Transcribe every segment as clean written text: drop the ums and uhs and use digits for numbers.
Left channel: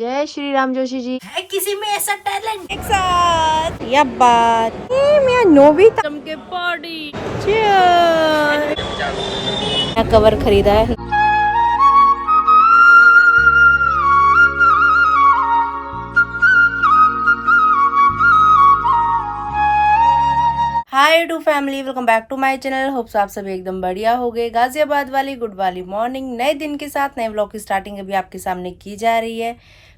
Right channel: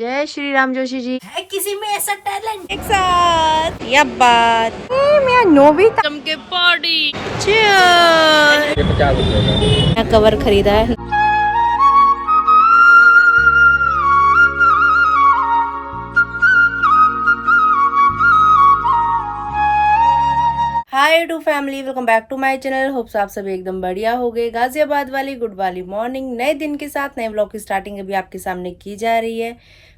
जय श्री राम जोशी जी। है किसी में ऐसा टैलेंट एक साथ या बात मैं नोवी चमके पॉडी कवर खरीदा है। Hi to family, welcome back to my channel. Hopes आप सभी एकदम बढ़िया हो गए। गाजियाबाद वाली गुड वाली मॉर्निंग, नए दिन के साथ नए व्लॉग की स्टार्टिंग अभी आपके सामने की जा रही है।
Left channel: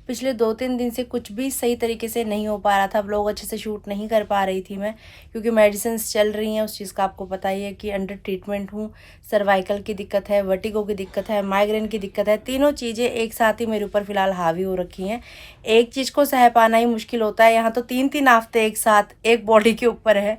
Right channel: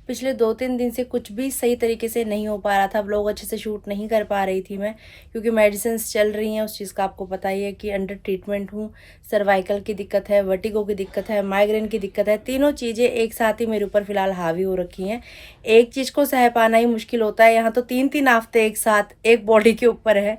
पिछले 2-3 दिन से कुछ भी सही तरीके से नहीं हो पा रहा था, व्लॉग अच्छे से शूट नहीं कर पा रही थी मैं, क्योंकि मेडिसिन चल रही हैं। उस चीज़ का आपको पता ही है कि अंडर ट्रीटमेंट हूँ। सर्वाइकल की दिक्कत है, वर्टिगो की दिक्कत है, माइग्रेन की दिक्कत है। तीनों चीज़ें एक साथ ही मेरे ऊपर फिलहाल हावी हो रखी हैं। एक चीज़ को सह पाना ही मुश्किल होता है, यहाँ तो 3-3 हफ्ते एक साथ एक बॉडी के ऊपर है,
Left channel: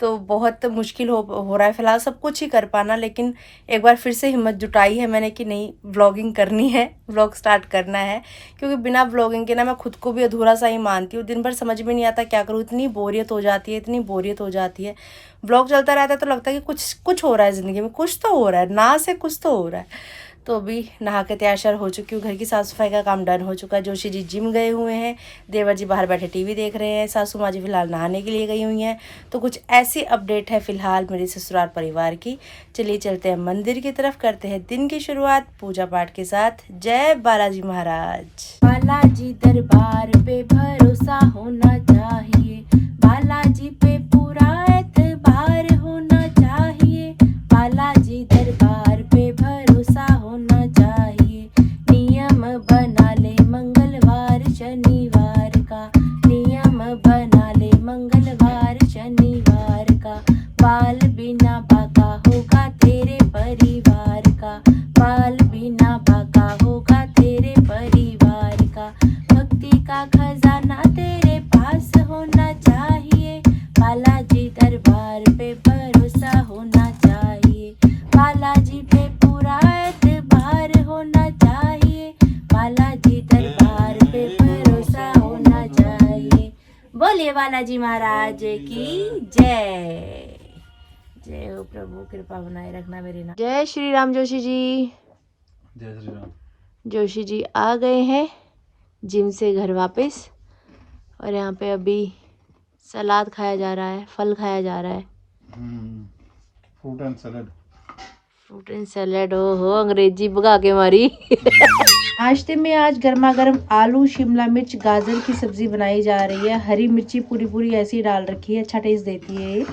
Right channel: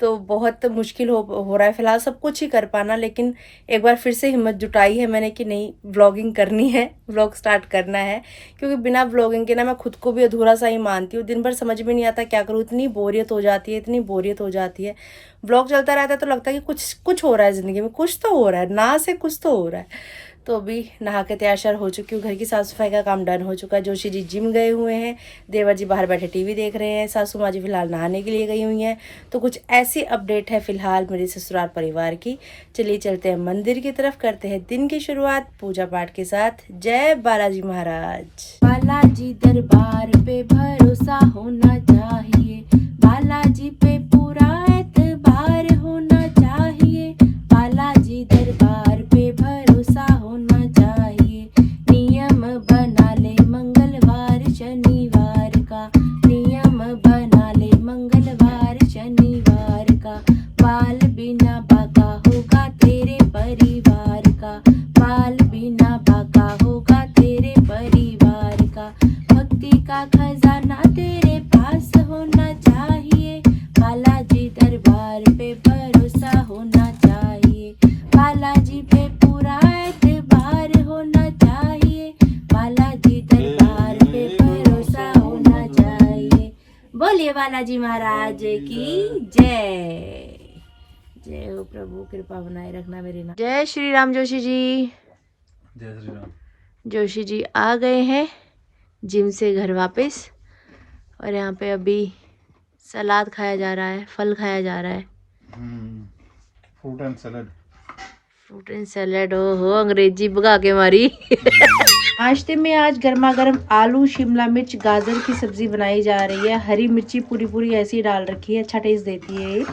तो बहुत मुश्किल हो रहा है फिलहाल सब कुछ ही कर पाना। लेकिन एक बार फिर से हिम्मत जुटाई है मैंने कि नहीं, व्लॉगिंग करनी है, व्लॉग स्टार्ट करना है। क्योंकि बिना व्लॉगिंग के ना मैं खुद को भी अधूरा सा ही मानती हूँ। दिन भर समझ में नहीं आता क्या करूँ, इतनी बोरियत हो जाती है, इतनी बोरियत हो जाती है। व्लॉग चलता रहता है तो लगता है कि कुछ हो रहा है ज़िंदगी में, कुछ तो हो रहा है, ना से कुछ तो हो रहा है। तो अभी नहा के तैयार श्यार हो चुकी हूँ, घर की साफ़ सफाई का काम डन हो चुका है। जोशी जी जिम गए हुए हैं, देवर जी बाहर बैठे टीवी देख रहे हैं, सासू माँ जी फिलहाल नहाने के लिए गई हुई हैं। तो कुछ ऐसी अपडेट है फिलहाल मेरे ससुराल परिवार की। चलिए चलते हैं मंदिर की तरफ, करते हैं दिन की शुरुआत पूजा पाठ के साथ। जय बालाजी महाराज। बालाजी दरबार पे भरोसा होना चाहिए, बालाजी पे पूरा एतबार होना चाहिए, बालाजी दरबार पे भरोसा होना चाहिए। नियम बना ले मंगलवार शनिवार का, नियम बना ले मंगलवार शनिवार का। बाल बिना बाका होगा तेरे परिवार का, बाल बिना बाका होगा तेरे परिवार का। भक्ति का खजाना तेरे पास होना चाहिए, बालाजी दरबार पे भरोसा होना चाहिए, बालाजी पे पूरा एतबार होना चाहिए, बालाजी दरबार पे भरोसा होना चाहिए। बोलिए बालाजी महाराज की जय। जय हो प्रभु, कृपा बनाए रखना मेरे नाम। जय श्री राम जोशी जी। जय श्री राम। जोशी जी आ गए हैं जिम से घर वापस, और यहाँ पे अभी सलाद खाया जा रहा है, फल खाया जा रहा है। Fruit and salad. Fruit and salad, हो अंग्रेजी भगा के मारी। नाश्ते में आज गर्मा गर्म आलू, शिमला मिर्च, गाजर की सब्जी बनाई जा रही है। हरी मिर्ची पूरी पूरी ऐसी डाल रखी है, अच्छा टेस्ट देती है।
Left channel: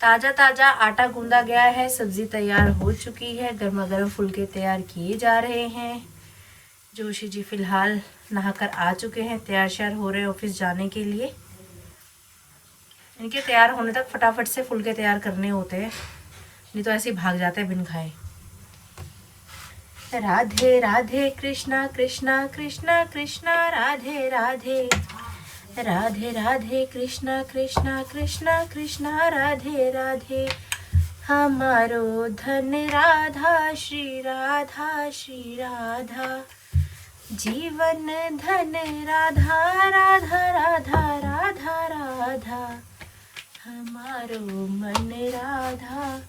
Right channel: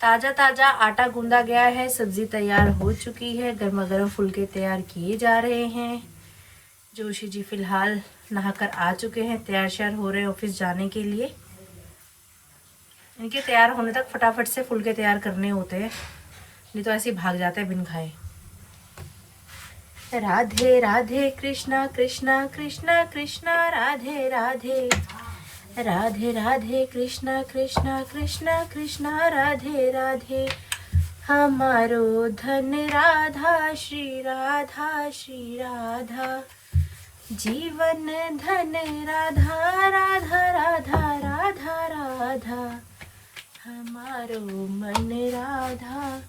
ताजा ताजा आटा गूंदा गया है, सब्जी तैयार हो चुकी है, गर्मा गर्म फुलके तैयार किए जा रहे हैं। जोशी जी फिलहाल नहाकर आ चुके हैं, तैयार श्यार हो रहे हैं ऑफिस जाने के लिए। इनके तैयार होने तक फटाफट से फुलके तैयार करने होते हैं, नहीं तो ऐसे ही भाग जाते हैं बिन खाए। राधे राधे कृष्णा कृष्णा कृष्णा कृष्णा राधे राधे, राधे राधे कृष्णा कृष्णा कृष्णा कृष्णा राधे राधे। हमारो धन राधा श्री राधा श्री राधा, जीवन धन राधा राधा राधा राधा राधा। हमारो मन राधा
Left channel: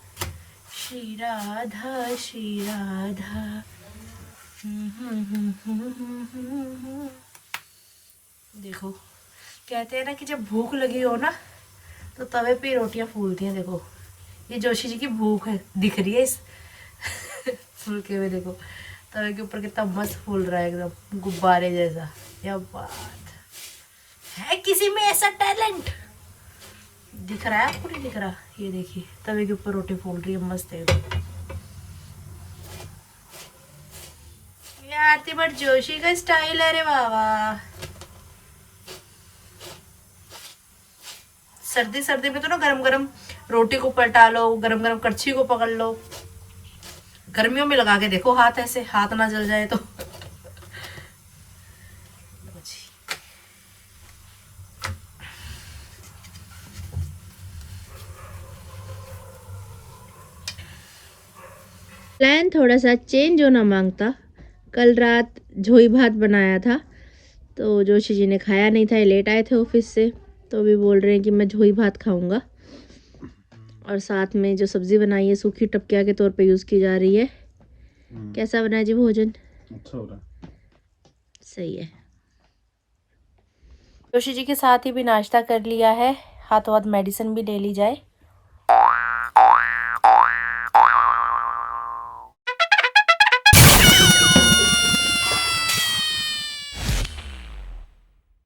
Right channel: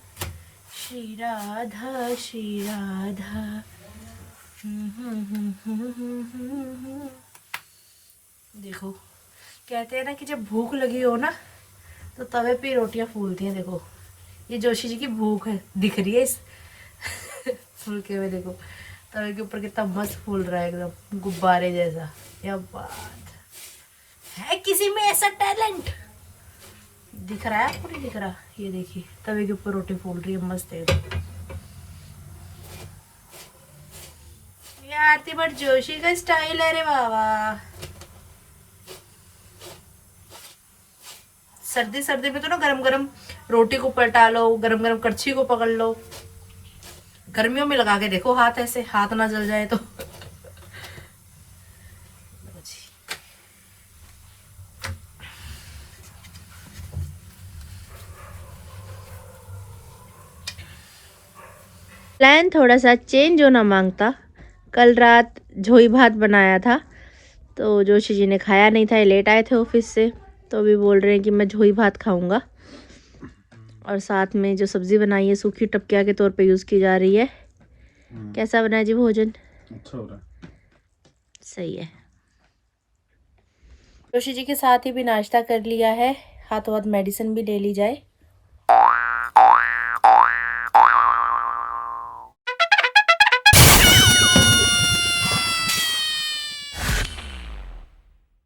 श्री राधा श्री राधा। देखो कहते हैं ना कि जब भूख लगी हो ना तो तवे पे रोटियां फूलती हैं। देखो ये जोशी जी की भूख है, दिख रही है इस फुलके में। देखो तवे के ऊपर कितना मस्त फूल रहा है, एकदम गुब्बारे जैसा। क्या बात है, किसी में ऐसा टैलेंट दिख रहा है आपको? नहीं दिख रहा? ये देखिए तवे के ऊपर रोटी फूल रही है, मस्त है। ये आरती भट्ट जोशी का स्टाइल है रे बाबा। सर्दी सर्दी में तो ना गरम गरम रोटी को पलटा लो, गरम गरम कड़छी को पकड़ लो। गर्मियों में लगा के देखो हाथ, ऐसे हाथ ना जल जाए तो। प्लान थोड़ा सा चेंज होना मांगता। कल रात झोई भात बनाया था, तो जोशी जी ने खाया नहीं था, लेट आए थे ऑफिस से, तो अभी बोल रहे हैं कि मैं झोई भात खाऊंगा। और साथ में जो सब्जी बनाई है सूखी टपकिया के तौर पे यूज़ की जा रही है। कैसा बना है जी भोजन? अच्छा हो रहा है। सही है। जोशी जी के साथ ही भी नाश्ता कर लिया है, हाथों हाथ मेडिसिन भी ले ली जाए।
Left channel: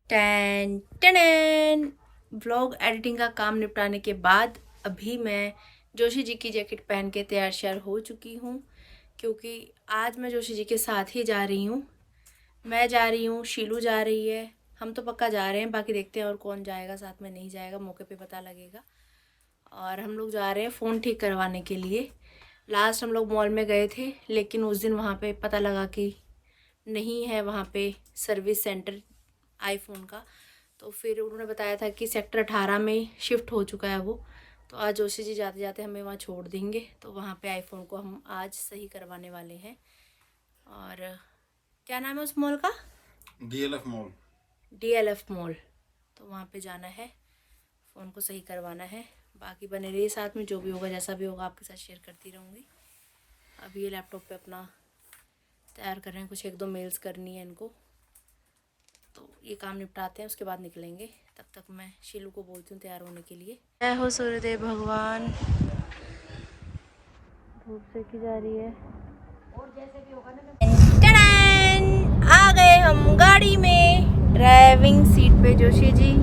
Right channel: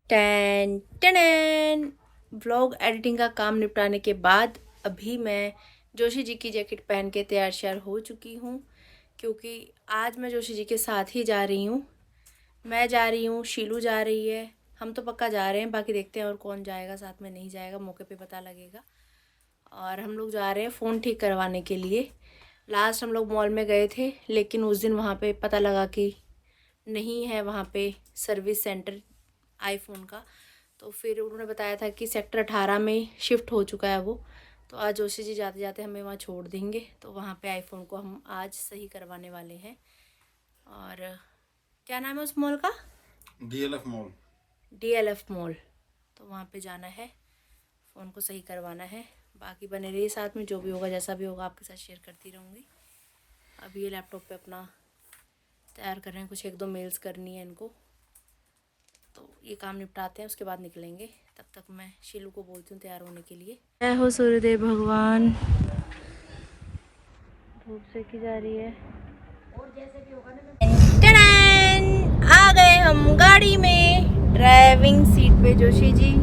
टेन टेन व्लॉग एडिटिंग का काम निपटाने के बाद अभी मैं जोशी जी की जैकेट पहन के तैयार श्यार हो चुकी हूँ, क्योंकि आज मैं जोशी जी के साथ ही जा रही हूँ। मैं जा रही हूँ, शीलू जा रही है, हम तो पक्का जा रहे हैं, बाकी देखते हैं और कौन जाएगा साथ में, नहीं जाएगा मौके पे पता लगेगा। और हम लोग जा रहे हैं फ़ोन ठीक करवाने के लिए। लास्ट हम लोग मॉल में गए थे, लेकिन उस दिन वहाँ पे पता लगा कि नहीं है वहाँ पे सर्विस सेंटर आईफोन का, तो फिर उन्होंने बताया था कि सेक्टर 18 में शिफ्ट हो चुका है वो। तो आज जोशी जी जाते जाते हमें वहाँ छोड़ देंगे, तो वहाँ पे आईफोन को हम आज सही करवाने वाले हैं। और क्या नाम है उस मॉल का? DLF mall. DLF mall. तो वहाँ पे जाना है, फ़ोन को सही करवाना है। बाकी बने रहिए साथ में, जो भी होगा जैसा भी होगा आपके साथ शेयर करती रहूँगी। अभी ये लैपटॉप पे अपना तैयार कर रहे हैं, कुछ 1-2 मेल्स करनी है इनको, तो ये काम निपटाते हैं, उसके बाद निकलेंगे। तब तक मैं शीलू को बोलती हूँ तैयार होने के लिए। जय हो सूर्यदेव भगवान। धूप सेकी जा रही है और जैसे भी होगा ना। आ गए हम गाड़ी में, ड्राइविंग सीट पे जोशी जी,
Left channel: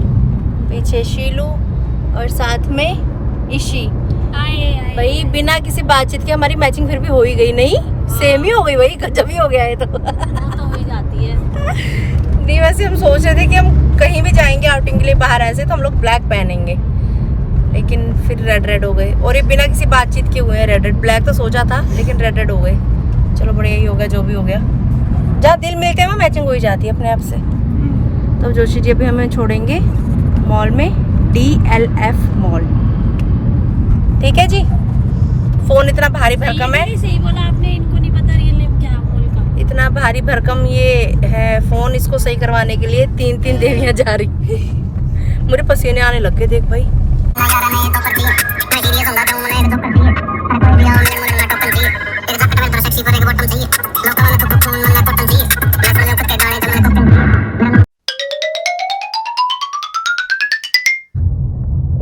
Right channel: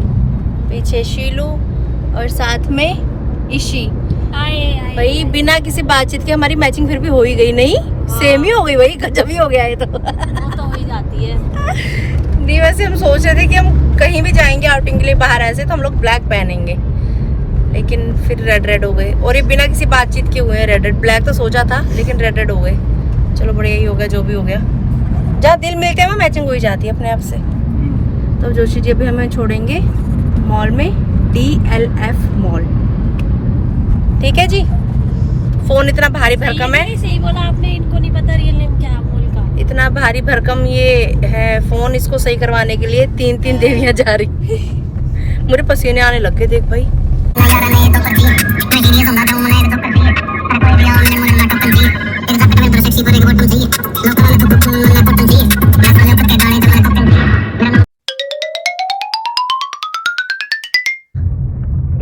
पीछे शीलू और साथ में इशी। भाई बिना किसी बातचीत के हमारी मैचिंग फिर भी हो ही गई, नहीं? सेम ही हो गई भाई, गजब ही हो गया ये तो। तो हो ही जाती है। नहीं वैसे हम सोच रहे थे कि हम कहीं भी जाएंगे आउटिंग के लिए बाहर ऐसे, तो हम लोग ब्लैक पहनेंगे, लेकिन फिर रेड हो गए। और ये बिना किसी बातचीत के हुए रेड। ब्लैक तो सोचा था, लेकिन रेड हो गए। चलो बढ़िया ही हो गया, जो भी हो गया। जहाँ दिल मिलते हैं वहाँ मैचिंग हो ही जाती है अपने आप से। तो जोशी जी अभी हमें छोड़ेंगे मॉल में, DLF मॉल। ठीक है जी। फोन इतना भारी भरकम है, सही बोला आपने, इनको नहीं पता रियल नेम क्या मॉल का। इतना भारी भरकम ये है फोन, इसको सही करवाने के लिए 3 देवियां जा रही। मुझे पसीने आने लग गए, देख भाई।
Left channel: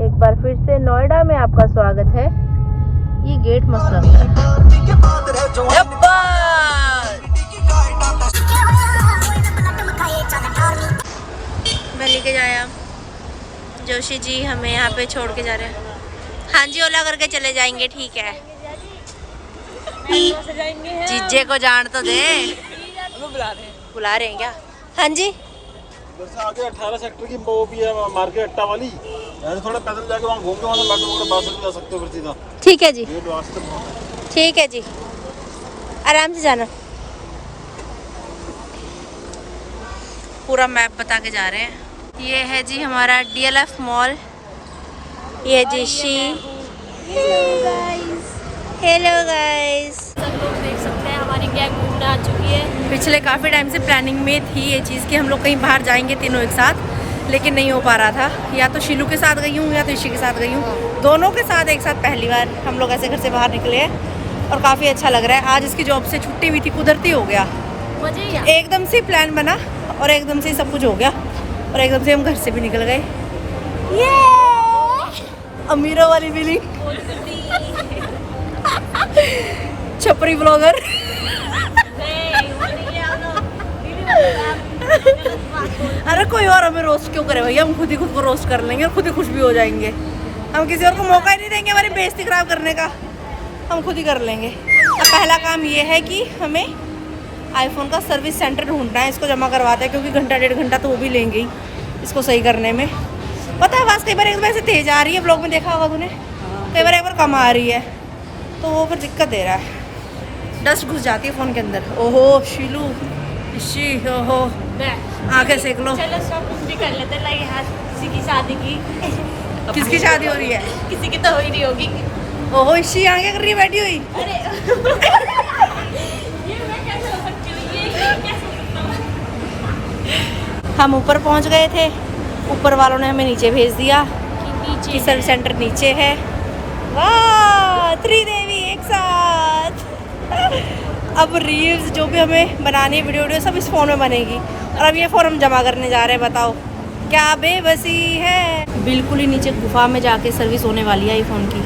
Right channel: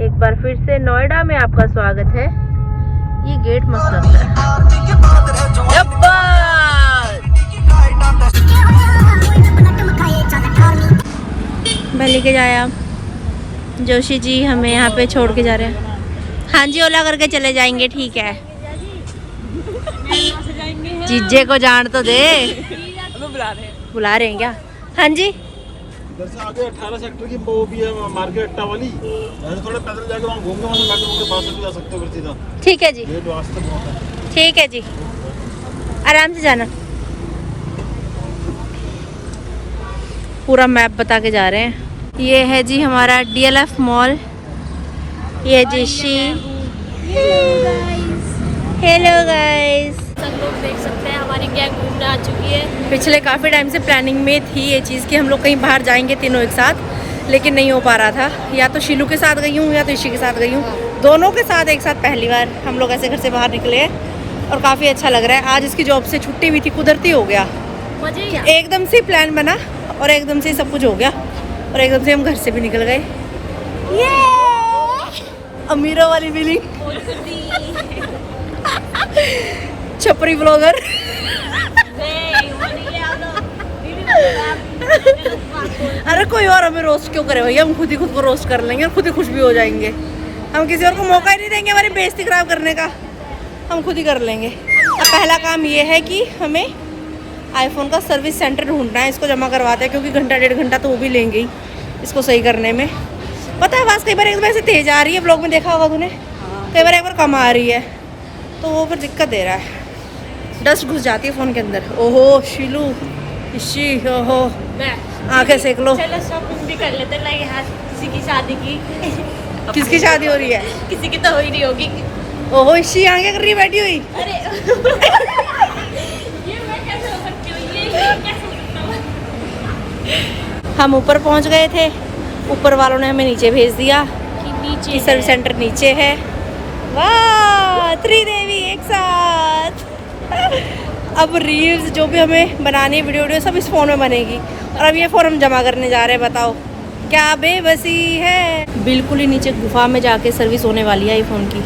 एक बार फिर से नोएडा में आपका स्वागत है। ये गेट मस्त लगता है। मैं लेके जाया जोशी जी, हमें यहाँ पे छोड़ के जा रहे हैं। हाँ जी, ओला करके चले जाएंगे, ठीक है। जीजे को जान तो दे। बुला रहे हैं क्या? हाँ जी। इधर से आगे 18 सेक्टर की वो भी है मार्केट अट्टा वाली, यानी थोड़ा पैदल जाके वहाँ घूम के वहाँ से मेट्रो के पास भी जा सकते हो फिर सीधा। ठीक है जी, ये रास्ते बहुत है। ठीक है जी, आराम से जाना। पूरा मैप बता के जा रहे हैं। ये है जी हमारा DLF मॉल। ये जी शी। Hello guys. सब लोग देख सकते हैं हमारी गैंग घूमने आ चुकी है। पिछले काफ़ी टाइम से प्लानिंग में थी ये चीज़ कि हम लोग कहीं बाहर जाएंगे तीनों एक साथ, लेकिन नहीं हो पा रहा था। या तो शीलू के साथ गई हूँ या तो ईशी के साथ गई हूँ, दोनों के साथ एक साथ पहली बार हम लोग ऐसे घर से बाहर निकले हैं और काफ़ी अच्छा लग रहा है। आज इसकी जॉब से छुट्टी हुई थी, कुदरती हो गया, एकदम से प्लान बना और एकदम से सब कुछ हो गया और एकदम से हम घर से भी निकल गए। अमीरों वाली फीलिंग। छपरी ब्लॉगर। अरे कोई और हमें रोस्ट क्यों करे भैया, हम खुद ही खुद को रोस्ट कर लेंगे, खुद ही खुश भी हो जाएंगे। हम किसी और को मौका ही नहीं देंगे हमारी बेइज्जती खराब करने का, हम खुद ही कर लेंगे। अब पहला काम ये है कि हमें आईफोन का सर्विस सेंटर ढूंढना है, इसको जमा करवाते हैं, क्योंकि घंटा 1.5 घंटा तो वो भी लेंगे ही इसको सही करने में। पता है आवाज़ कई बार एकदम ऐसे तेज आ रही है, ब्लॉग में देखा होगा तूने, कई बार एक बार कम आ रही है, तो वो फिर दिक्कत दे रहा है, डस्ट घुस जाती है फ़ोन के अंदर। ओहो शीलू, इशी, ओहो आंखें सेक लो। चलो शॉपिंग भी कर लेते हैं यार, किसी की शादी की। किसकी शादी हो रही है? किसी की तो हो ही नहीं होगी। ओहो इशी यहाँ क्या कर रही है बैठी हुई? अरे ये मैं कैसे हो सकती हूँ, ये कैसे हम ऊपर पहुँच गए थे, ऊपर वालों ने हमें नीचे भेज दिया कि नीचे कि सर्विस सेंटर नीचे है। वाह, त्रिदेवी एक साथ। अब रील्स जो भी हमें बनानी है, वीडियो सब इस फ़ोन में बनेगी। और अब ये फ़ोन हम जमा करने जा रहे हैं, बताओ क्या बेबसी है। बिल्कुल ही नीचे गुफा में जाके सर्विस होने वाली है आईफोन की।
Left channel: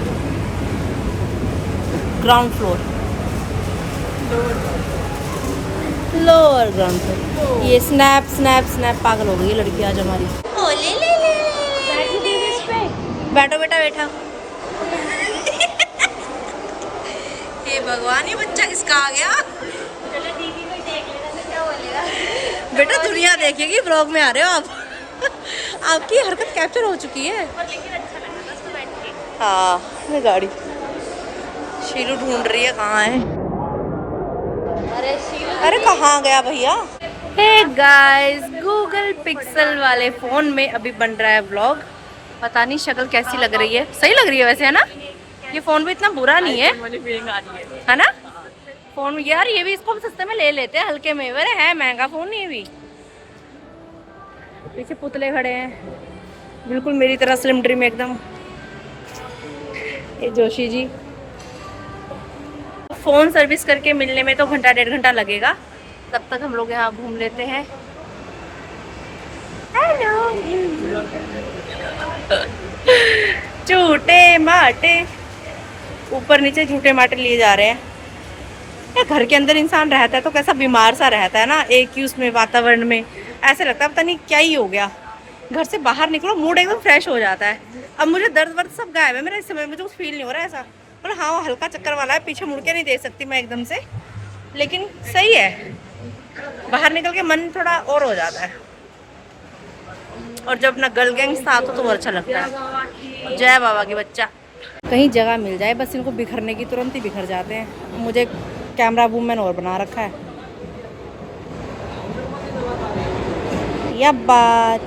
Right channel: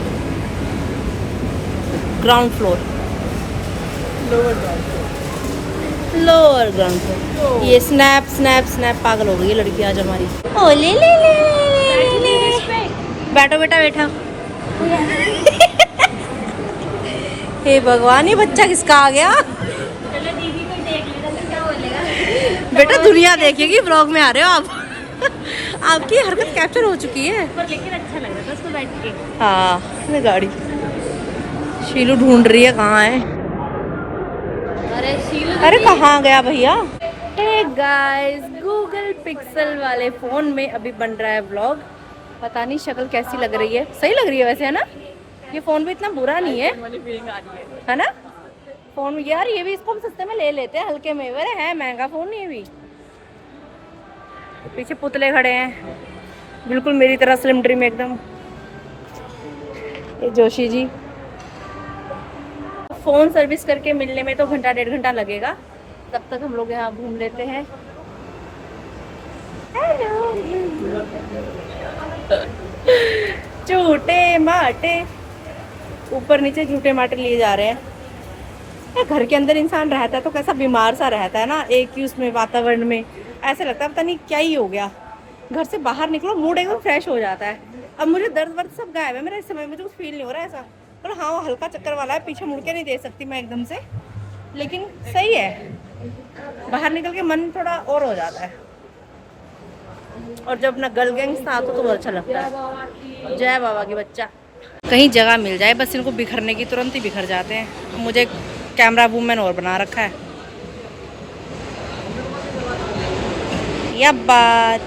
Ground floor, lower ground floor. ये स्नैप स्नैप स्नैप पागल हो गई है लड़की आज हमारी। ओ ले ले ले ले ले। बैठो बेटा बैठा। हे भगवान, ये बच्चा किसका आ गया। बेटा दुनिया देखेगी, ब्लॉग में आ रहे हो आप। आपकी हरकत कैप्चर हो चुकी है। हाँ ये गाड़ी शीलू ढूंढ रही है कहाँ है। अरे कहाँ गया भैया। हे गाइस, गूगल पिक्सल वाले फोन में अभी बन रहा है व्लॉग। पता नहीं शक्ल कैसी लग रही है, सही लग रही है वैसे, है ना। ये फोन भी इतना बुरा नहीं है ना फोन यार। ये भी इसको हम सस्ते में ले लेते हैं, हल्के में। अरे है महंगा फोन नहीं है भी। पीछे पुतले खड़े हैं बिल्कुल मेरी तरह स्लिम ड्रीम एकदम। ये जोशी जी। फोन सर्विस करके मिलने में तो घंटा 1.5 घंटा लगेगा। तब तक हम लोग यहाँ घूम लेते हैं। हेलो झूठे माटे, ऊपर नीचे झूठे माटे लिए जा रहे हैं। या घर के अंदर इंसान रहता है तो कैसा बीमार सा रहता है ना, एक ही उसमें वातावरण में। ऐसे लगता है पता नहीं क्या ही हो गया। घर से बाहर निकलो मूड एकदम फ्रेश हो जाता है। अब मुझे दर्द वर्द सब गायब है मेरा इस समय, मुझे कुछ फील नहीं हो रहा है ऐसा। पर हाँ वो हल्का चक्कर वाला है, पीछे मुड़ के नहीं देख सकती मैं एकदम से, लेकिन सही है। बाहर निकल के मन थोड़ा और हो जाता है। और जब अपना गर्ल गैंग था तो अच्छा लगता है। जय बाबा की बच्चा। कहीं जगह मिल जाए बस इनको बिखरने की, तुरंत ही बिखर जाते हैं। मुझे कैमरा वूमन और बना रखा है। यह बात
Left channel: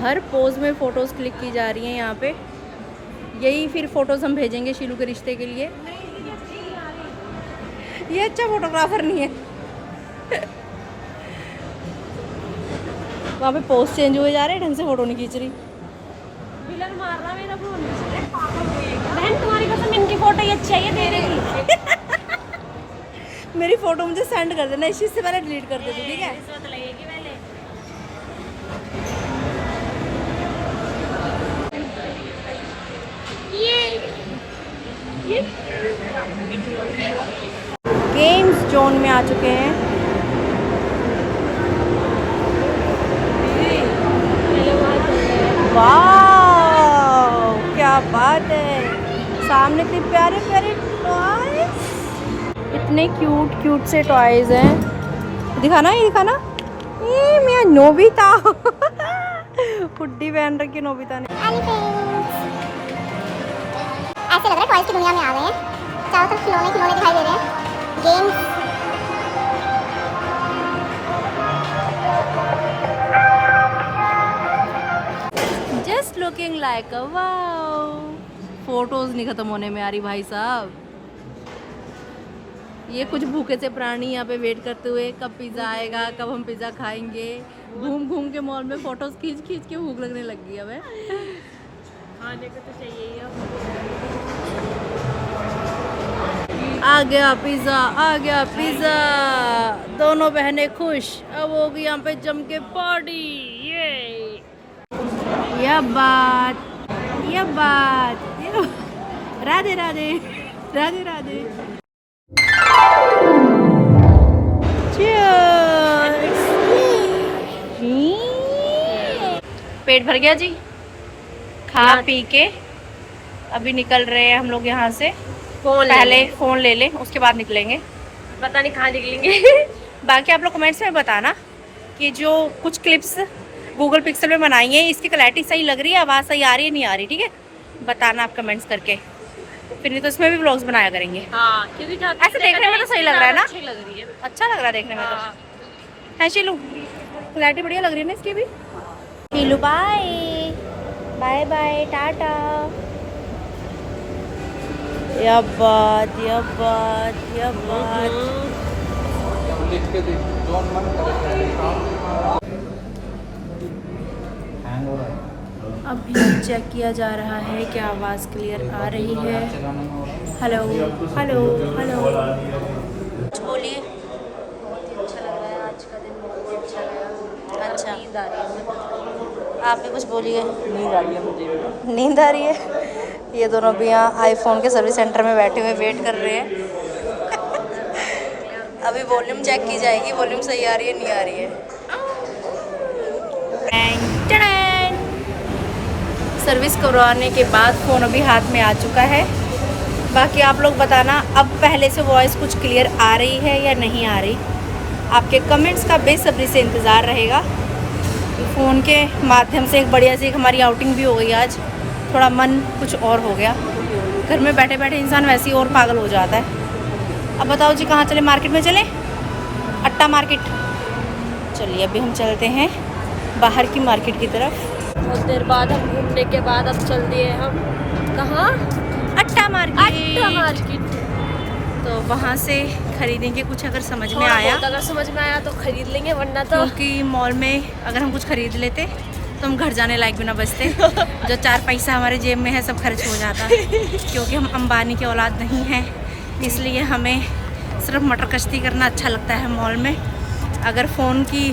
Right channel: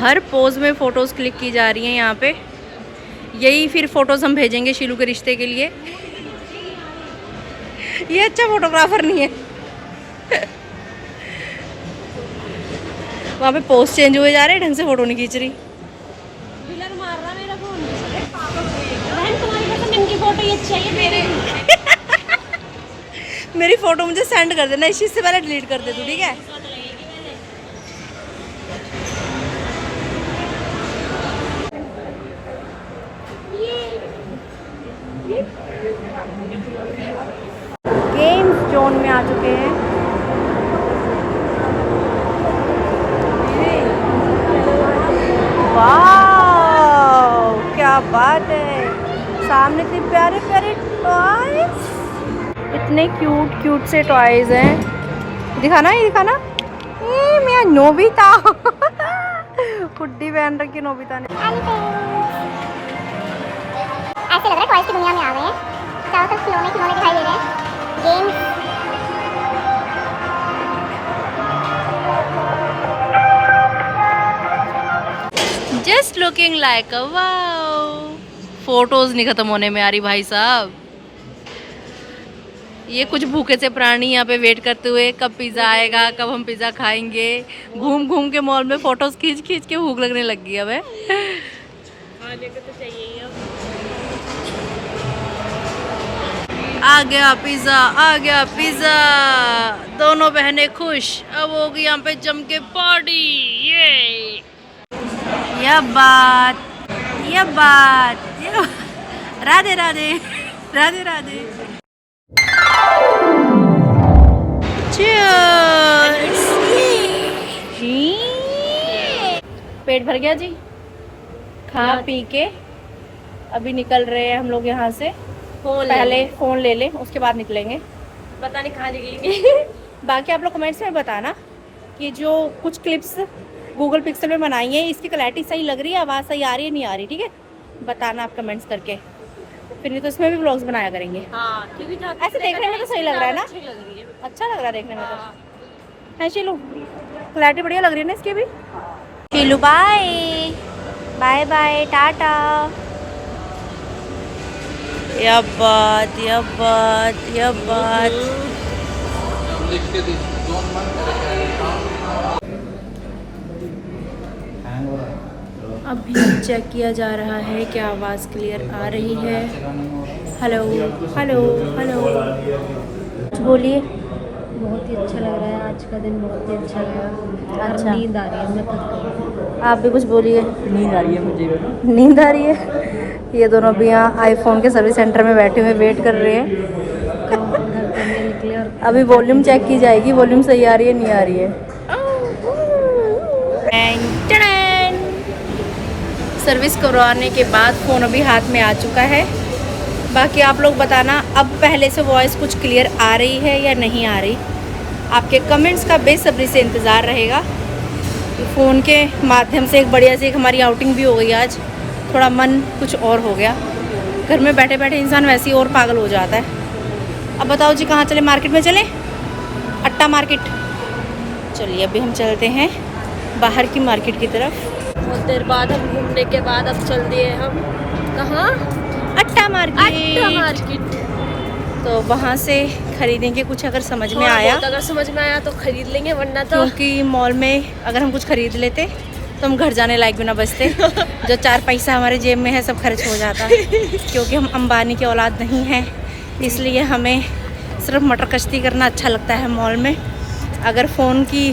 हर पोज में फ़ोटोज़ क्लिक की जा रही हैं यहाँ पे। यही फिर फ़ोटोज़ हम भेजेंगे शीलू के रिश्ते के लिए। ये अच्छा फोटोग्राफर नहीं है। वहाँ पे पोज चेंज हुए जा रहे हैं, ढंग से फ़ोटो नहीं खींच रही। फोटो ये चाहिए दे रही। मेरी फ़ोटो मुझे सेंड कर देना, इस चीज़ से पहले डिलीट कर दे तू, ठीक है। गेम्स जोन में आ चुके हैं। वाह क्या बात है, सामने इतने प्यारे प्यारे टॉयज, इतने क्यूट क्यूट से टॉयज हैं। दिखाना ये दिखाना। मैं नोबिता हुड्डी पहन रखी नोबिता ने। ऐसे लग रहा है टॉयज की दुनिया में आ गए हैं। चारों तरफ खिलौने खिलौने दिखाई दे रहे हैं। Games just looking like a wow. Photos नहीं खत्म होने में आ रही भाई साहब। ये कुछ भूखे से प्राणी यहाँ पे वेट करते हुए कब पिज़्ज़ा आएगा, कब हम पिज़्ज़ा खाएंगे। घूम घूम के मॉल में फोटोज खींच खींच के भूख लगने लग गई अब है। आ गया पिज़्ज़ा, आ गया पिज़्ज़ा। दोनों बहनें खुश। अब होगी यहाँ पे जम के पार्टी। ये यह बात राधे राधे राधे राधे। Cheers! पेट भर गया जी। खा पी के अभी निकल रहे हैं हम लोग यहाँ से। पहले फ़ोन ले लें उसके बाद निकलेंगे। पता नहीं कहाँ निकलेंगे। बाकी आप लोग कमेंट्स में बताना कि जो कुछ क्लिप्स गूगल पिक्सल में बनाई है इसकी क्लैरिटी सही लग रही है, आवाज़ सही आ रही है नहीं आ रही, ठीक है। बताना आप कमेंट्स करके, फिर नहीं तो इसमें भी व्लॉग्स बनाया करेंगे। हाँ, क्योंकि ऐसे देखने में तो सही लग रहा है ना। अच्छी लग रही है। अच्छा लग रहा है देखने में तो। है शीलू, क्लैरिटी बढ़िया लग रही है ना इसकी भी। शीलू बाय बाय बाय टाटा। यह बात अभी चेक किया जा रहा है कि आवाज़ क्लियर आ रही है। हेलो हेलो हेलो, कुछ बोलिए। बहुत ही अच्छा लग रहा है, आज का दिन बहुत ही अच्छा गया। अच्छा। नींद आ रही है, मैं खुद आप भी कुछ बोलिए। नींद आ रही है मुझे। नींद आ रही है। ये दोनों भी यहाँ आईफोन के सर्विस सेंटर में बैठे हुए वेट कर रहे हैं। घर चलने निकले और अभी वॉल्यूम चेक की जाएगी, वॉल्यूम सही आ रही है नहीं आ रही है। सर्विस करवाने के बाद फ़ोन अभी हाथ में आ चुका है। बाकी आप लोग बताना अब पहले से वॉइस कुछ क्लियर आ रही है या नहीं आ रही। आपके कमेंट्स का बेसब्री से इंतज़ार रहेगा। फ़ोन के माध्यम से एक बढ़िया सी एक हमारी आउटिंग भी हो गई आज। थोड़ा मन कुछ और हो गया। घर में बैठे बैठे इंसान वैसे ही और पागल हो जाता है। अब बताओ जी कहाँ चले? मार्केट में चले? अट्टा मार्केट। चलिए अभी हम चलते हैं बाहर की मार्केट की तरफ। बहुत देर बाद हम घूमने के बाद अब चल दिए हम कहाँ? अट्टा मार्केट। मार्केट। तो वहाँ से खरीदेंगे कुछ अगर समझ में आया, अगर समझ में आया तो खरीद लेंगे, वरना तो क्योंकि मॉल में अगर हम कुछ खरीद लेते तो हम घर जाने लायक भी ना बचते। जो 4 पैसा हमारे जेब में है सब खर्च हो जाता। क्योंकि हम अंबानी की औलाद नहीं हैं, इसलिए हमें सिर्फ मटर कश्ती करना अच्छा लगता है मॉल में। अगर फ़ोन की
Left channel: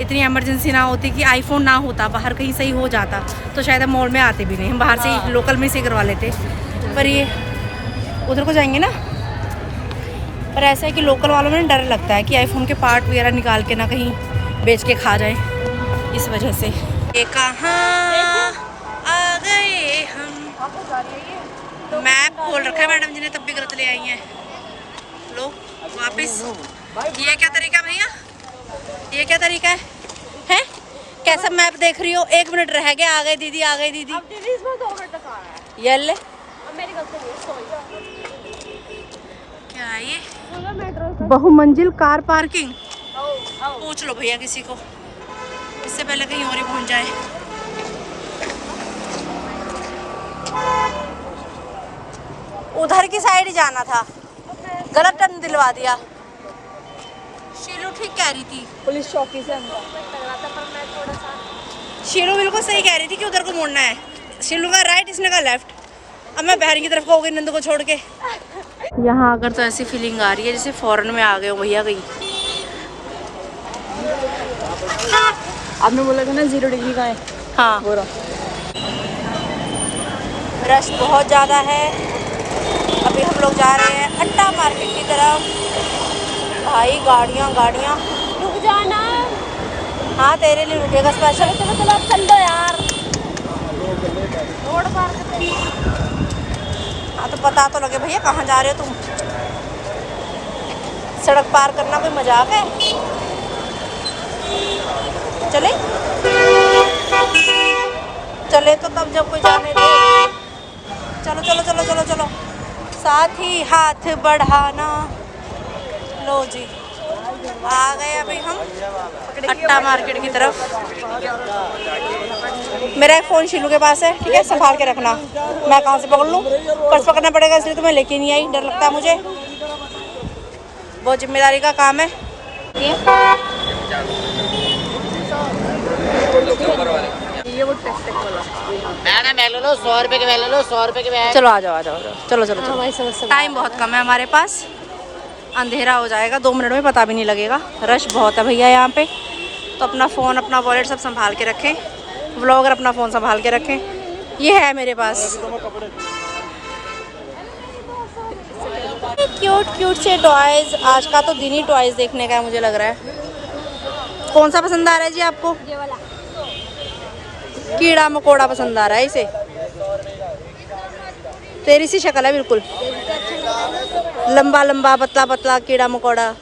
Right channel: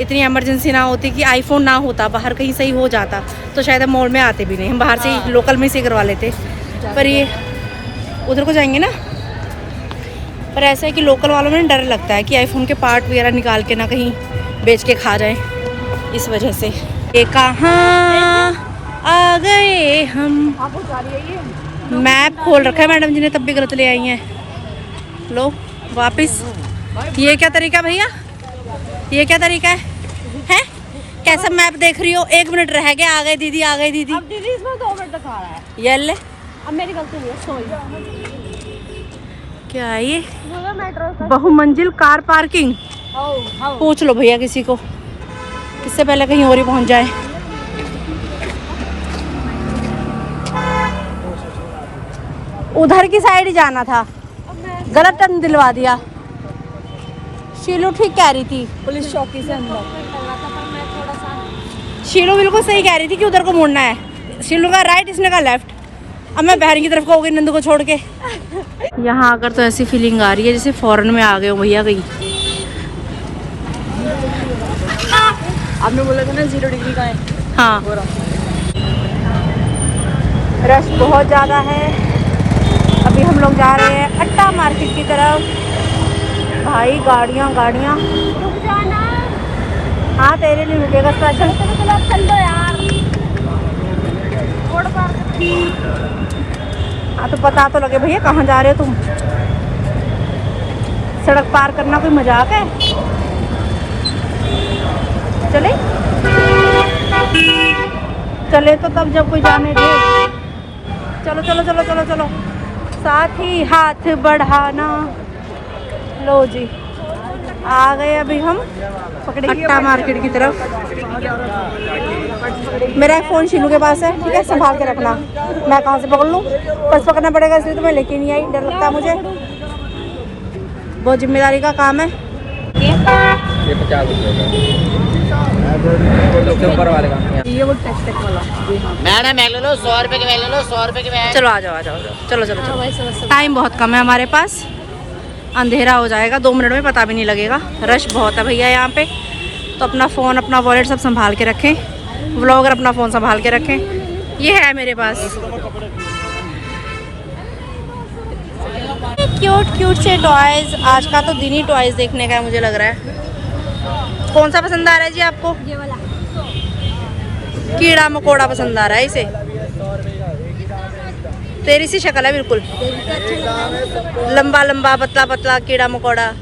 इतनी इमरजेंसी ना होती कि आईफोन ना होता, बाहर कहीं सही हो जाता, तो शायद हम मॉल में आते भी नहीं, हम बाहर से ही लोकल में से करवा लेते। पर ये उधर को जाएंगे ना, पर ऐसा है कि लोकल वालों में डर लगता है कि आईफोन के पार्ट वगैरह निकाल के ना कहीं बेच के खा जाए, इस वजह से। ये कहाँ आ गए हम? मैप खोल रखा है मैडम जी ने, तब भी गलत ले आई हैं। लो वापस। ये क्या तरीका भैया? ये क्या तरीका है? हैं? कैसे मैप देख रही हो? 1 मिनट रह गया, आ गए दीदी, आ गए दीदी। अब दीदी इसमें 2 मिनट दिखा रहा है। ये ले। अब मेरी गलती नहीं है, सॉरी। क्या है ये? बहुमंजिल कार पार्किंग। पूछ लो भैया किसी को, इससे पहले कहीं और ही पहुंच जाए। उधर की साइड ही जाना था, गलत टर्न दिलवा दिया। शीलू ठीक कह रही थी, पुलिस चौकी से शीलू बिल्कुल सही कह रही थी कि उधर को मुड़ना है। शीलू का राइट, इसने का लेफ्ट। अब मैं बहन की तरफ को हो गई नंदू को छोड़ के। यहाँ आकर तो ऐसी फीलिंग आ रही है जैसे फॉरेन में आ गए हो भैया कहीं। आपने बोला था ना 0 डिग्री का है। हाँ, रश बहुत ज़्यादा है। अभी हम लोग जा रहे हैं अट्टा मार्केट की तरफ। भाई गाड़ियाँ गाड़ियाँ। रुक जाना। हाँ तेरे लिए रुकेगा स्पेशल। चल दो यार। हाँ तो पता तो लगे भैया कहाँ जा रहे हो तुम। सड़क पार करना कोई मजाक है? चले चले तो तब जब कोई जाने दे। चलो चलो चलो चलो चलो, साथ ही हाथ बढ़ाना। लो जी आ गए अभी हम अट्टा मार्केट की तरफ। मेरा फ़ोन शीलू के पास है, ठीक है, संभाल के रखना। मैं कहाँ से पकड़ लूँ? पर्स पकड़ना पड़ेगा, इसलिए तो मैं लेके नहीं आई, डर लगता है मुझे। बहुत जिम्मेदारी का काम है। ये 50 ये वो टेस्ट वाला। मैडम मैं ले लो 100 रुपए के, मैं ले लो 100 रुपए के। मैं चलो आ जाओ आ जाओ, चलो चलो चलो। टाइम बहुत कम है हमारे पास, अंधेरा हो जाएगा 2 मिनट में, पता भी नहीं लगेगा। रश बहुत है भैया यहाँ पे, तो अपना फ़ोन अपना वॉलेट सब संभाल के रखें। व्लॉगर अपना फ़ोन संभाल के रखें। ये है मेरे पास क्यूट क्यूट से टॉयज़। आज का तो दिन ही टॉयज़ देखने का है मुझे लग रहा है। कौन सा पसंद आ रहा है जी आपको? ये वाला। कीड़ा मकोड़ा पसंद आ रहा है इसे। तेरी सी शक्ल है बिल्कुल, लंबा लंबा पतला पतला कीड़ा मकोड़ा।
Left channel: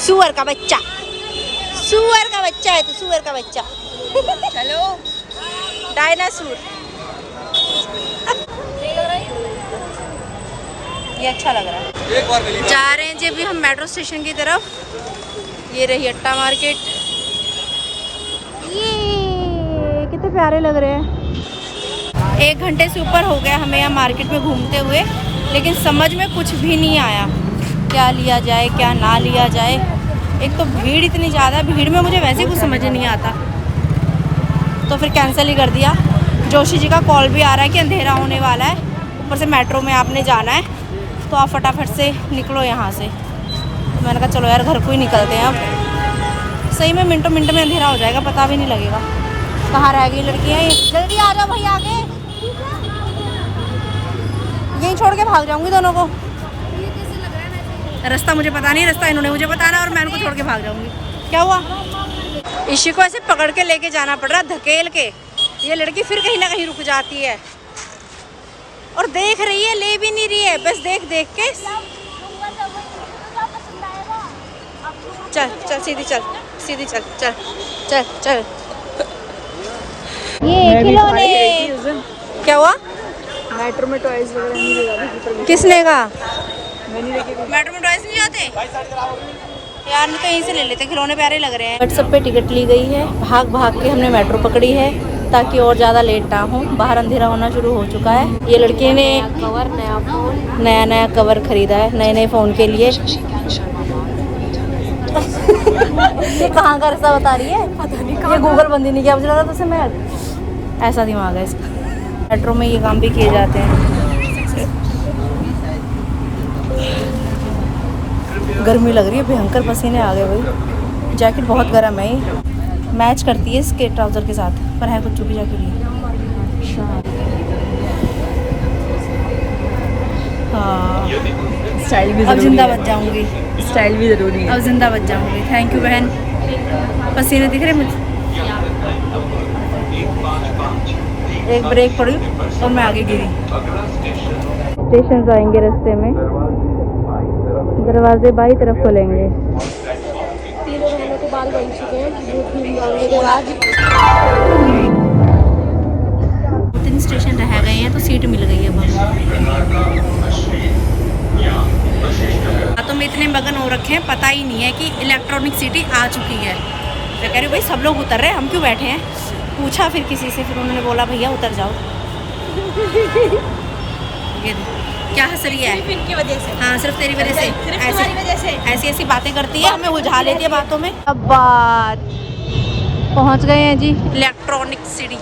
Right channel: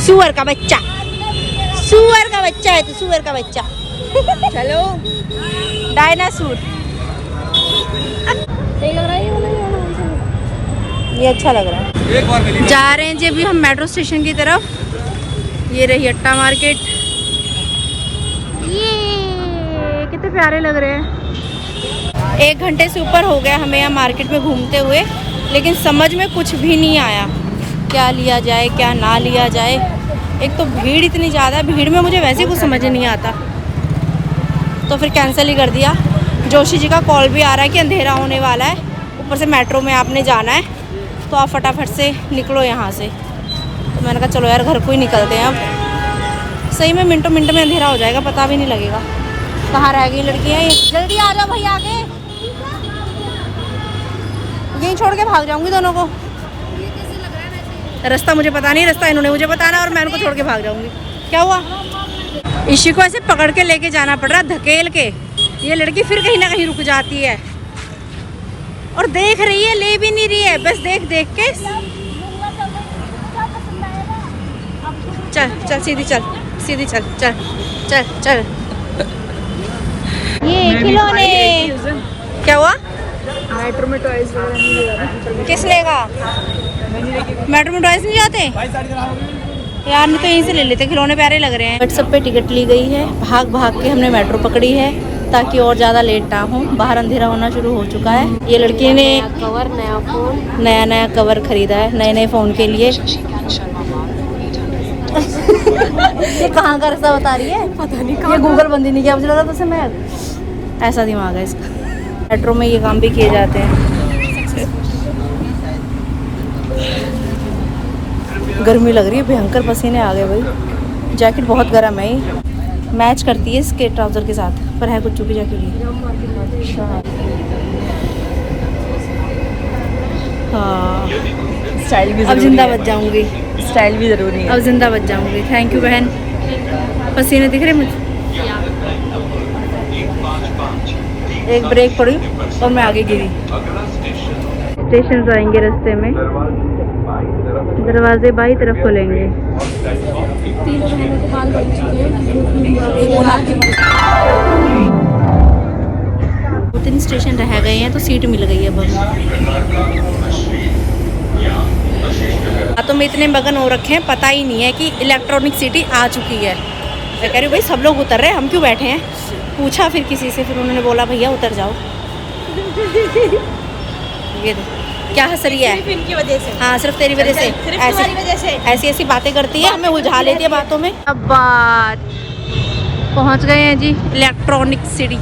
सुअर का बच्चा, सुअर का बच्चा है तो सुअर का बच्चा। चलो डायनासोर। ये अच्छा लग रहा है। जा रहे हैं जी अभी हम मेट्रो स्टेशन की तरफ। ये रही अट्टा मार्केट। ये कितने प्यारे लग रहे हैं। 1 घंटे से ऊपर हो गया हमें यहाँ मार्केट में घूमते हुए, लेकिन समझ में कुछ भी नहीं आया क्या लिया जाए क्या ना लिया जाए। एक तो भीड़ इतनी ज़्यादा है, भीड़ में मुझे वैसे कुछ समझ नहीं आता, तो फिर कैंसिल ही कर दिया। जोशी जी का कॉल भी आ रहा है कि अंधेरा होने वाला है, ऊपर से मेट्रो में आपने जाना है, तो आप फटाफट से निकलो यहाँ से। तो मैंने कहा चलो यार घर को ही निकलते हैं अब। सही में मिनटों मिनट में अंधेरा हो जाएगा, पता भी नहीं लगेगा। कहाँ रह गई लड़कियाँ? ये जल्दी आ जाओ भाई आगे, यहीं छोड़ के भाग जाऊंगी दोनों को। रास्ता मुझे पता नहीं, रास्ता इन्होंने मुझे बताना और मैं इनको छोड़ के भाग जाऊंगी। क्या हुआ? इसी को ऐसे पकड़ के लेके जाना पड़ रहा है, धकेल के। ये लड़की फिर कहीं ना कहीं रुक जाती है और देख रही है, ले भी नहीं रही है, बस देख देख के। चल चल सीधी चल, सीधी चल, चल चल चल। ये खिलौने। क्या हुआ? मेट्रो में टॉयज वगैरह नहीं ले रहा। किस लेगा? मेट्रो में टॉयज नहीं जाते यार, नहीं तो यहीं से ले लेते, खिलौने प्यारे लग रहे हैं। व्हाट्सएप पे टिकट ली गई है, भाग भाग के हमने मेट्रो पकड़ी है ताकि और ज़्यादा लेट ना हो। बाहर अंधेरा होना शुरू हो चुका है। ये लड़की ने कवर, नया फोन, नया कवर खरीदा है नए नए फ़ोन के लिए। ये कहाँ का रास्ता बता रही है? पता नहीं ये गूगल बंदी नहीं किया, मुझे लगा तुझसे मैं। ऐसा दिमाग है इसका। मेट्रो में ये काम भी किए जाते हैं। गर्मी लग रही है, भयंकर पसीने आ गए भाई। जैकेट बहुत गर्म है, ये मैच करती है इसके ट्राउज़र के साथ, पर है कुछ चुकी जैकेट नहीं। अच्छा हाँ, स्टाइल भी अब जिंदा बच जाऊंगी, स्टाइल भी जरूरी है। अब जिंदा बच जाऊंगी। थैंक यू बहन। पसीने दिख रहे मुझे। एक ब्रेक पड़ी और मैं आगे गिरी। स्टेशन आएंगे रास्ते में, दरवाजे बाई तरफ खोलेंगे। 2-3 स्टेशन रह गए हैं तो सीट मिल गई है अब हमें। तो में इतने मगन हो रखे हैं, पता ही नहीं है कि इलेक्ट्रॉनिक सिटी आ चुकी है। मैं कह रही हूँ भाई सब लोग उतर रहे हैं, हम क्यों बैठे हैं? पूछा फिर किसी से, फिर उन्होंने बोला भैया उतर जाओ। ये देख क्या हंस रही है? सिर्फ इनकी वजह से। हाँ सिर्फ तेरी वजह से, सिर्फ तुम्हारी वजह से। ऐसी ऐसी बातें करती है, हमें उलझा लेती है बातों में। अब बात पहुंच गए हैं जी इलेक्ट्रॉनिक सिटी।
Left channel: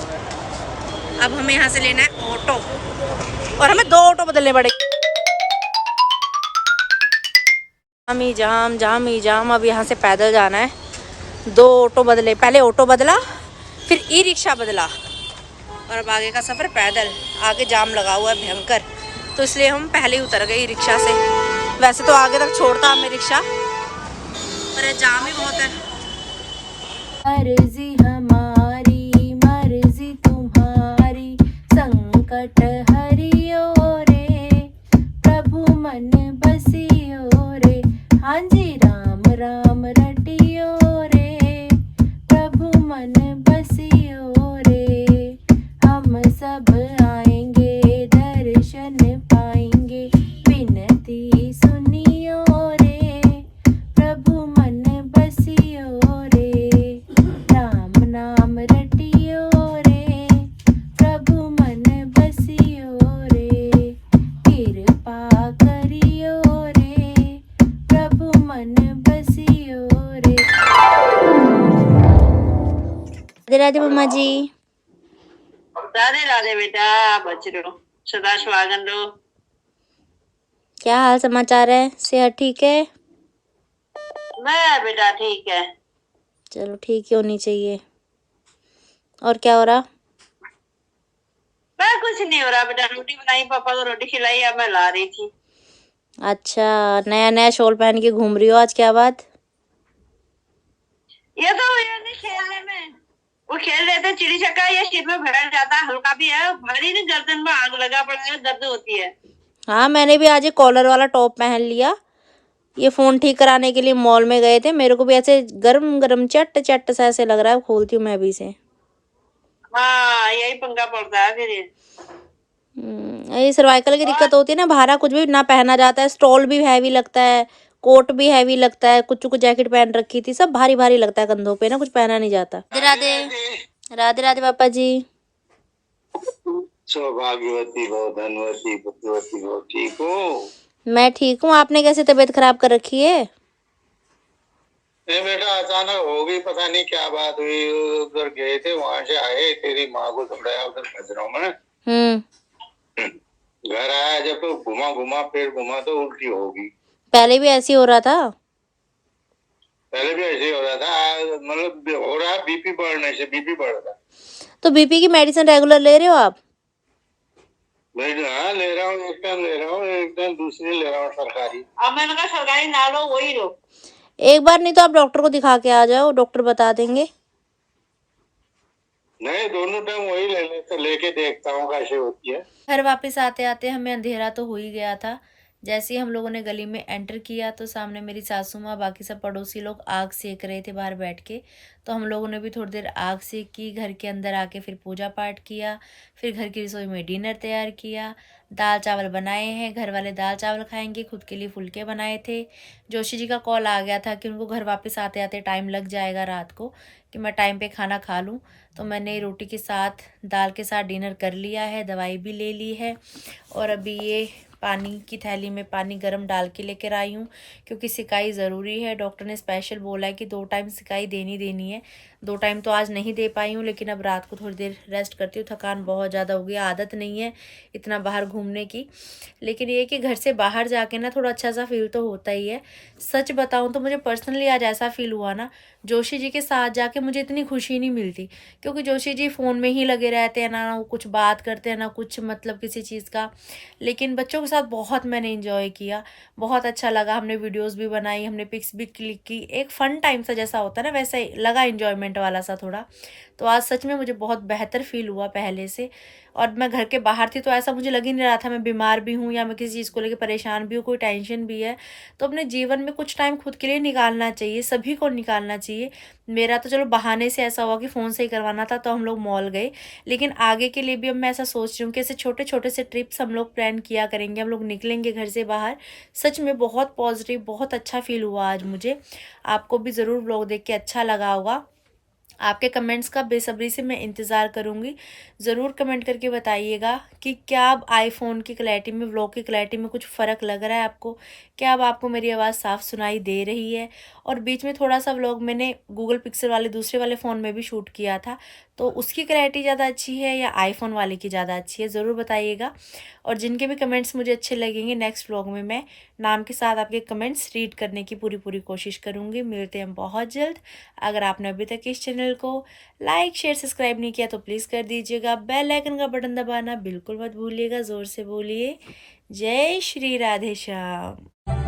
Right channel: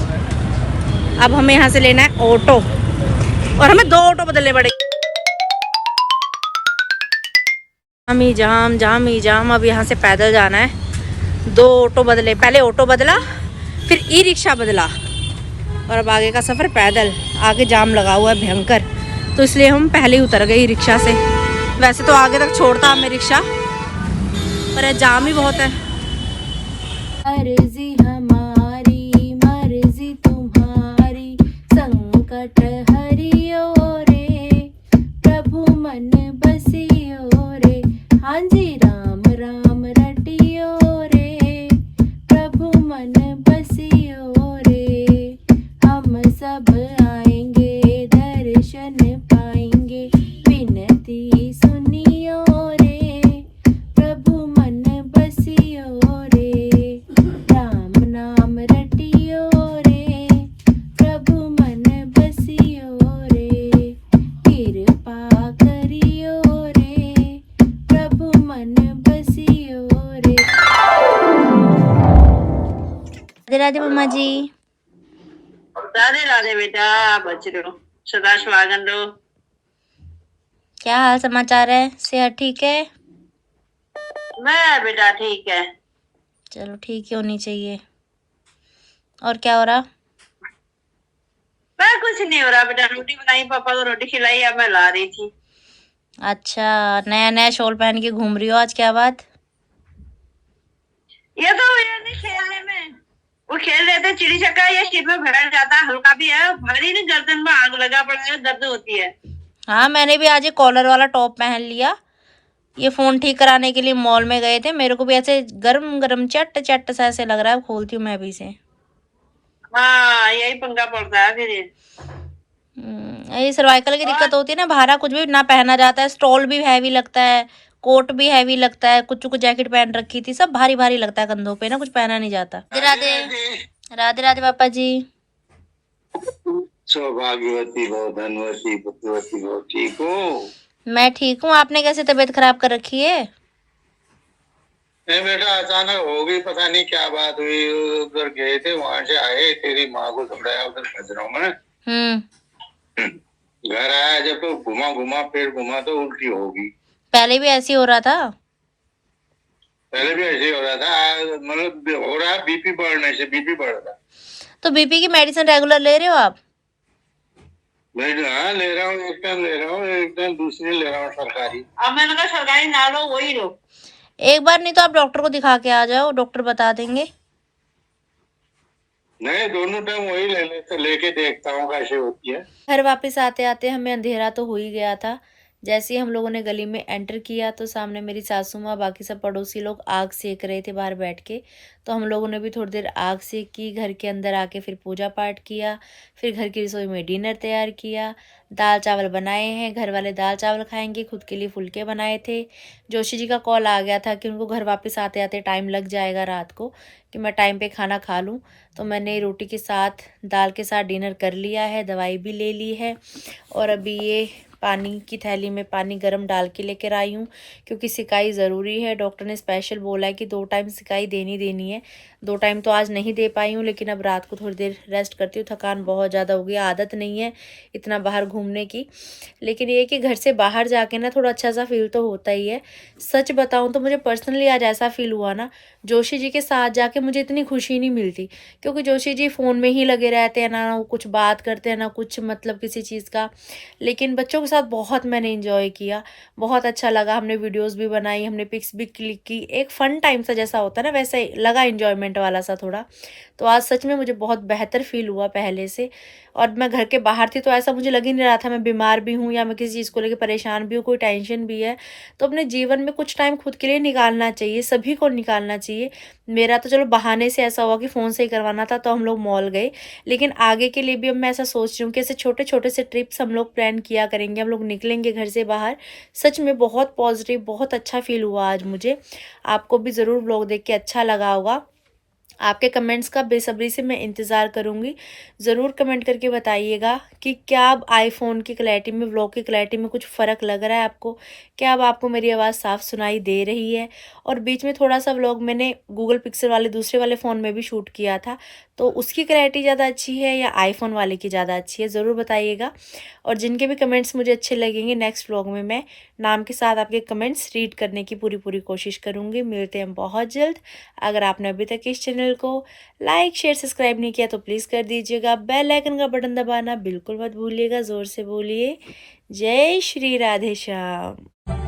अब हमें यहाँ से लेना है ऑटो और हमें 2 ऑटो बदलने पड़ेंगे। जाम ही जाम। अब यहाँ से पैदल जाना है, 2 ऑटो बदले, पहले ऑटो बदला फिर ई रिक्शा बदला और अब आगे का सफ़र पैदल। आगे जाम लगा हुआ है भयंकर, तो इसलिए हम पहले ही उतर गए ई रिक्शा से। वैसे तो आगे तक छोड़ता हमें रिक्शा, पर जाम ही बहुत है। मर्जी हमारी मर्जी तुम्हारी, संकट हरियो रे, प्रभु मन बसियो रे। हाँ जी राम राम रटियो रे, प्रभु मन बसियो रे। हम सब आएंगे दर्शन पाएंगे, विनती सुनियो रे, प्रभु मन बसियो रे। राम नाम रटियो रे, प्रभु मन बसियो रे। कृपा करियो रे, प्रभु मन बसियो रे। राधे राधे मम्मा जी। राधे राधे बेटा, बच रहे हो, सदा सुहागन रहो। क्या हाल समाचार है? सेहत ठीक है? मैं बेटा ठीक है। चलो ठीक ही होनी चाहिए। और क्या हो रहा? मैं कुछ नहीं हो रहा बेटा, रोटी बनाई, पापा को रोटी खिलाई, अब मैं ला रही थी। अच्छा, नया नया शॉल पहन के घूम रही हो आज, क्या बात? ये तो भैया नहीं खेलने में, वो खेल रहे थे चिड़ी छक्का, ये सिर में भर जाता, हल्का भी है, भारी नहीं, गर्दन में आग लगा पड़ा है, दर्द होती है। हाँ मैंने भी आज एक कॉलर वाला टॉप पहन लिया। ये फोन ठीक कराने के लिए मॉल में गए थे, मेरे को भी ऐसे गरम गरम चट चट सा ऐसे लग रहा है। खोलती हूँ मैं भी से। हाँ यही पंगा पड़ता है फिर। ये सर्वाइकल की दिक्कत होती है ना, बाहर कुछ भी ना पहना जाता है। स्टॉल भी हैवी लगता है, कोट भी हैवी लगता है, कुछ जैकेट पहन रखी थी, सब भारी भारी लगता है कंधों पे ना, कुछ पहना नहीं जाता। राधे राधे राधे पापा जी। सौभाग्यवती भव, धनवती पुत्रवती भव। ठीक हो? मैं ठीक हूँ। आपने कैसे तबीयत खराब कर रखी है? नहीं बेटा, अचानक हो गई, पता नहीं क्या बात हुई। उधर गए थे, वहां से आए, तेरी माँ को दौड़ाया उधर खजरों में। घर आया जब तो घुमा पेट घुमा तो उल्टी होगी। पहले भी ऐसे ही हो रहा था? पहले भी ऐसे ही हो रहा था, मतलब हो रहा है बीपी बढ़ने से, बीपी बढ़ रहा। तो बीपी की मेडिसिन रेगुलर ले रहे हो आप? हाँ ले रहा हूँ, एक टाइम ले रहा हूँ, एक टाइम दूसरी ले रहा हूँ सरकारी। अब मैंने कहा सरकारी ना लो, वही लो। एक बार नहीं तो आप डॉक्टर को दिखा के आ जाओ, डॉक्टर बता देंगे। नहीं, दोनों टाइम वही लेके देखता हूँ कैसे होती है। घर वापस आते आते हमें अंधेरा तो हो ही गया था। जैसे ही हम लोगों ने गली में एंटर किया तो सामने मेरी सासू माँ, बाकी सब पड़ोसी लोग आग सेक रहे थे बाहर बैठ के। तो हम लोगों ने भी थोड़ी देर आग सेकी, घर के अंदर आके फिर पूजा पाठ किया, फिर घर की रसोई में डिनर तैयार किया। दाल चावल बनाए हैं, घर वाले दाल चावल खाएंगे, खुद के लिए फुलके बनाए थे। जोशी जी का कॉल आ गया था कि उनको घर वापस आते आते टाइम लग जाएगा रात को, कि मैं टाइम पे खाना खा लूँ। तो मैंने रोटी के साथ, दाल के साथ डिनर कर लिया है, दवाई भी ले ली है। और अभी ये पानी की थैली में पानी गर्म डाल के लेकर आई हूँ, क्योंकि सिकाई ज़रूरी है। डॉक्टर ने स्पेशल बोला है कि 2 टाइम सिकाई देनी है। 2 टाइम तो आज नहीं दे पाई हूँ, लेकिन अब रात को थोड़ी देर रेस्ट करती हूँ। थकान बहुत ज़्यादा हो गई, आदत नहीं है इतना बाहर घूमने की। लेकिन ये कि घर से बाहर जाके ना थोड़ा अच्छा सा फील तो होता ही है। सच बताऊँ तो मुझे पर्सनली आज ऐसा फील हुआ ना, जोशी जी के साथ जाके मुझे इतनी खुशी नहीं मिलती, क्योंकि जोशी जी फ़ोन में ही लगे रहते हैं, ना वो कुछ बात करते हैं, ना कुछ मतलब किसी चीज़ का। लेकिन बच्चों के साथ बहुत मैंने एंजॉय किया, बहुत अच्छा लगा। हमने वीडियोस भी बनाई, हमने पिक्स भी क्लिक की। एक फ़न टाइम सा जैसा होता है ना, वैसा ही लगा, एंजॉयमेंट वाला सा थोड़ा। तो आज सच में मुझे बहुत बेहतर फ़ील हुआ पहले से। और मैं घर के बाहर थी तो ऐसा मुझे लग ही नहीं रहा था मैं बीमार भी हूँ या मैं किसी चीज़ को लेकर परेशान भी हूँ, कोई टेंशन भी है। तो अपने जीवन में कुछ टाइम खुद के लिए निकालना चाहिए, सभी को निकालना चाहिए। मेरा तो चलो बहाने से ऐसा हुआ कि फ़ोन से ही करवाना था तो हम लोग मॉल गए, लेकिन आगे के लिए भी अब मैं ऐसा सोच रही हूँ कि ऐसे छोटे छोटे से ट्रिप्स हम लोग प्लान किया करेंगे, हम लोग निकलेंगे घर से बाहर। सच में बहुत पॉजिटिव, बहुत अच्छा फील हुआ आज मुझे। आपको भी ज़रूर व्लॉग देख के अच्छा लगा होगा। आपके कमेंट्स का बेसब्री से मैं इंतज़ार करूँगी। ज़रूर कमेंट करके बताइएगा कि क्या अब आईफोन की क्लैरिटी में, व्लॉग की क्लैरिटी में कुछ फ़र्क लग रहा है आपको? क्या अब आपको मेरी आवाज़ साफ़ सुनाई दे रही है? और बीच में थोड़ा सा व्लॉग मैंने गूगल पिक्सल वाले दूसरे वाले फ़ोन में भी शूट किया था, तो उसकी क्लैरिटी ज़्यादा अच्छी है या आईफोन वाले की ज़्यादा अच्छी है? ज़रूर बताइएगा। और जिनके भी कमेंट्स मुझे अच्छे लगेंगे, नेक्स्ट व्लॉग में मैं नाम के साथ आपके कमेंट्स रीड करने की पूरी कोशिश करूँगी। मिलते हैं बहुत जल्द। अगर आपने अभी तक इस चैनल को लाइक, शेयर, सब्सक्राइब नहीं किया तो प्लीज़ कर दीजिएगा। बेल आइकन का बटन दबाना बिल्कुल मत भूलिएगा। ज़ोर से बोलिए, जय श्री राधे श्याम।